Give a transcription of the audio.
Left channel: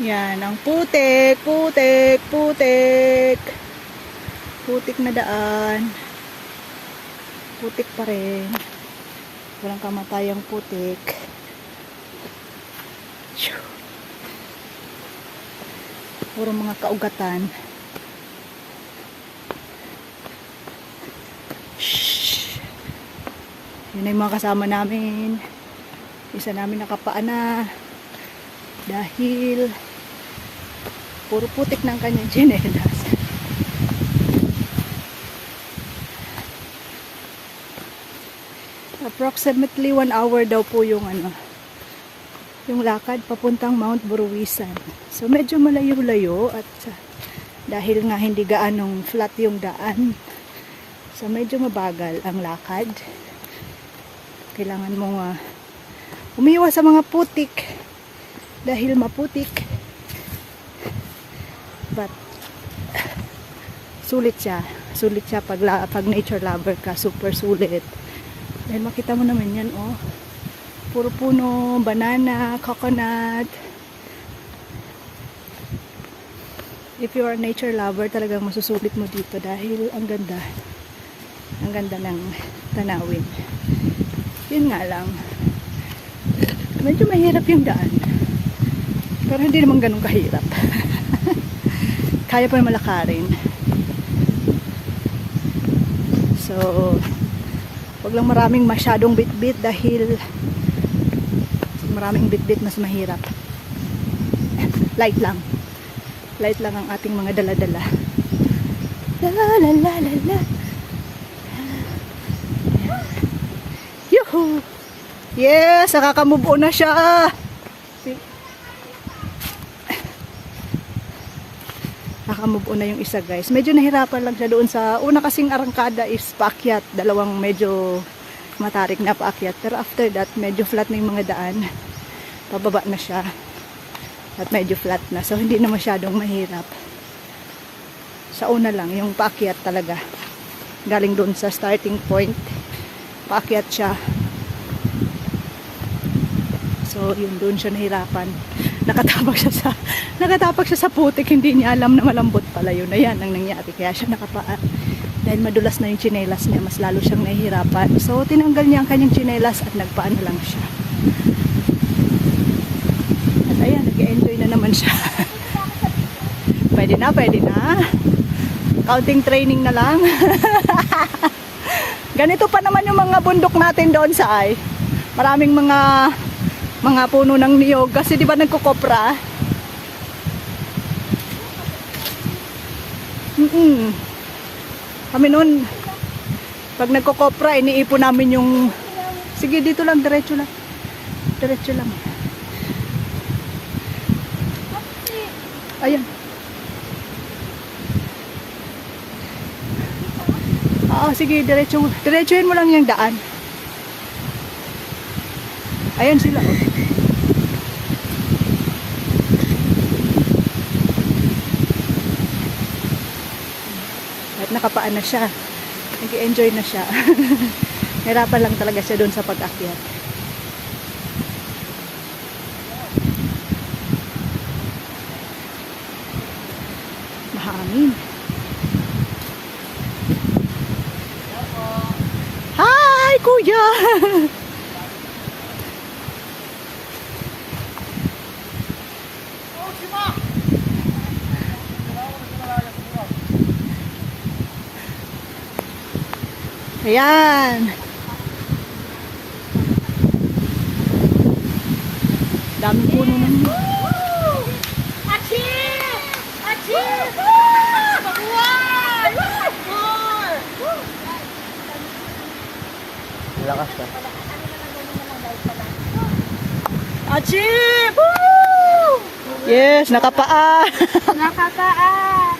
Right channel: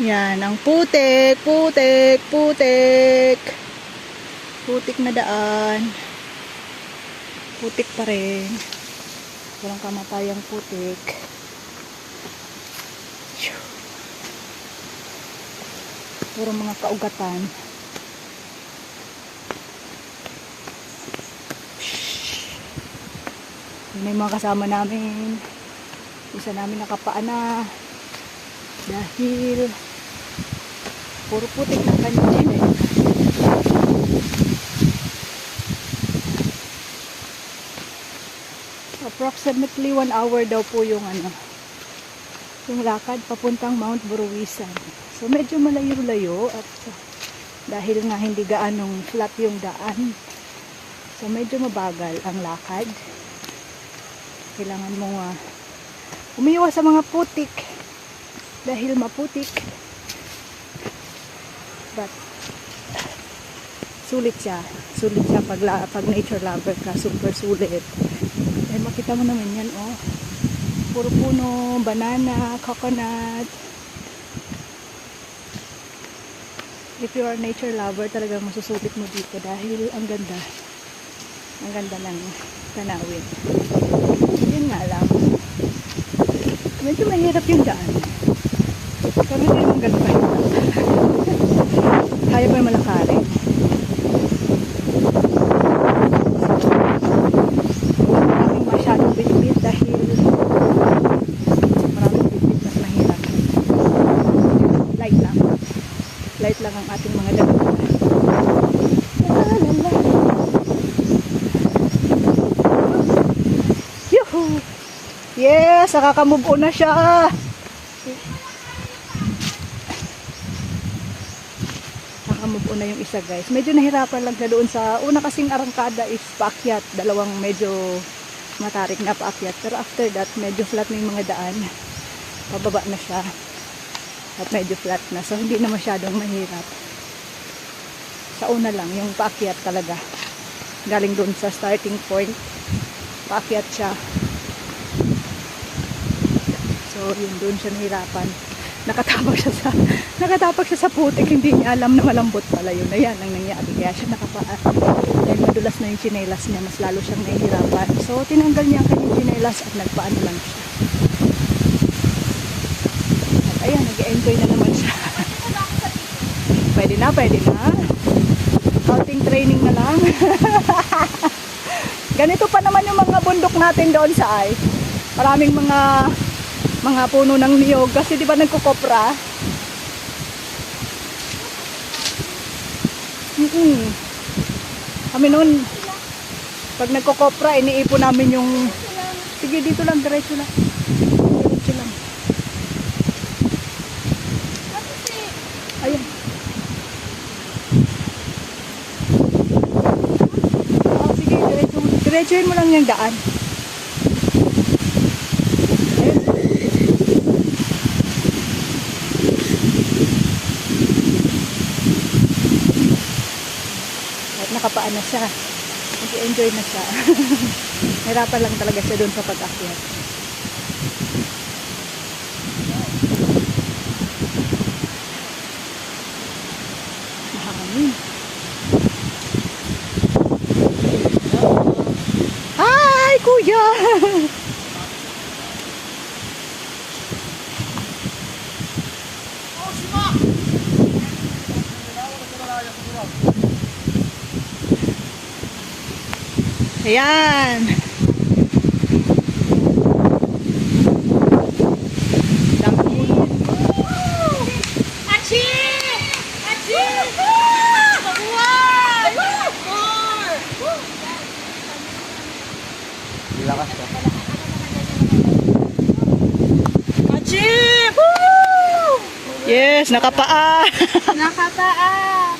Yan, ang putik, putik, putik. Putik na daan. Putik pa rin. Walang kamatayang putik. Puro mga kaugatan. Yun na yung mga kasama namin. Isa namin nakapaan na. Dahil puro putik ng kanyang chinelas. Approximately 1 hour daw po yung yung lakad papuntang Mount Buruwisan. So medyo malayo-layo at dahil nga hindi gaanong flat yung daan, so medyo mabagal ang lakad. Kailangan mo umiwas sa mga putik dahil maputik. But sulit siya pag nature lover ka, super sulit. Dahil makita mo naman yan, oh. Puro puno, banana, coconut. If you are nature lover, talagang masusulit mo dito dahil ang ganda. Ang ganda ng tanawin. Yun nga lang. Medyo mahirap yung daan. Pero hindi naman ganun kahirap. Kaya pa yung malakarin. So, walang maraming masyadong bitbit dahil maraming bitbit mas mahirap. Light lang. Light lang ang ating mga dala-dala. Yuhu! Yes! Nakaka-move on na siya! Naka-move on na yung isa, guys. Medyo nahirapan lang siya doon sa una kasing arangkada is paakyat. Dalawang medyo matarik na paakyat. Pero after that, medyo flat na yung mga daan. Pababa na siya. At medyo flat na. So, hindi na masyadong mahirap. Sa una lang, yung paakyat talaga. Galing doon sa starting point. Paakyat siya. So, yun doon siya nahirapan. Nakatapak siya sa putik. Hindi niya alam na malambot pala yun. Ayan ang nangyari. Kaya siya nakapaa. Dahil madulas na yung tsinelas niya. Mas lalo siyang nahihirapan. So, tinanggal niya ang kanyang tsinelas at nagpaan na lang siya. At ayan, nag-enjoy na naman siya. Pwede na, pwede na. Counting training na lang. Ganito pa naman yung mga bundok natin doon sa ay. Maraming mga puno ng niyog kasi di ba nagkukopra? Kami noon pag nagkukopra iniipon namin yung sige dito lang diretso lang ayan sige diretsuhin mo lang yung daan ayan sila at nakapaan na siya nag-enjoy na siya nahirapan lang talaga siya doon sa pag-akyat mahangin hi kuya ayan dami puno Achi! Achi! Lakas ka. Achi! Woo! Yes, nakapaa. Nakapaa!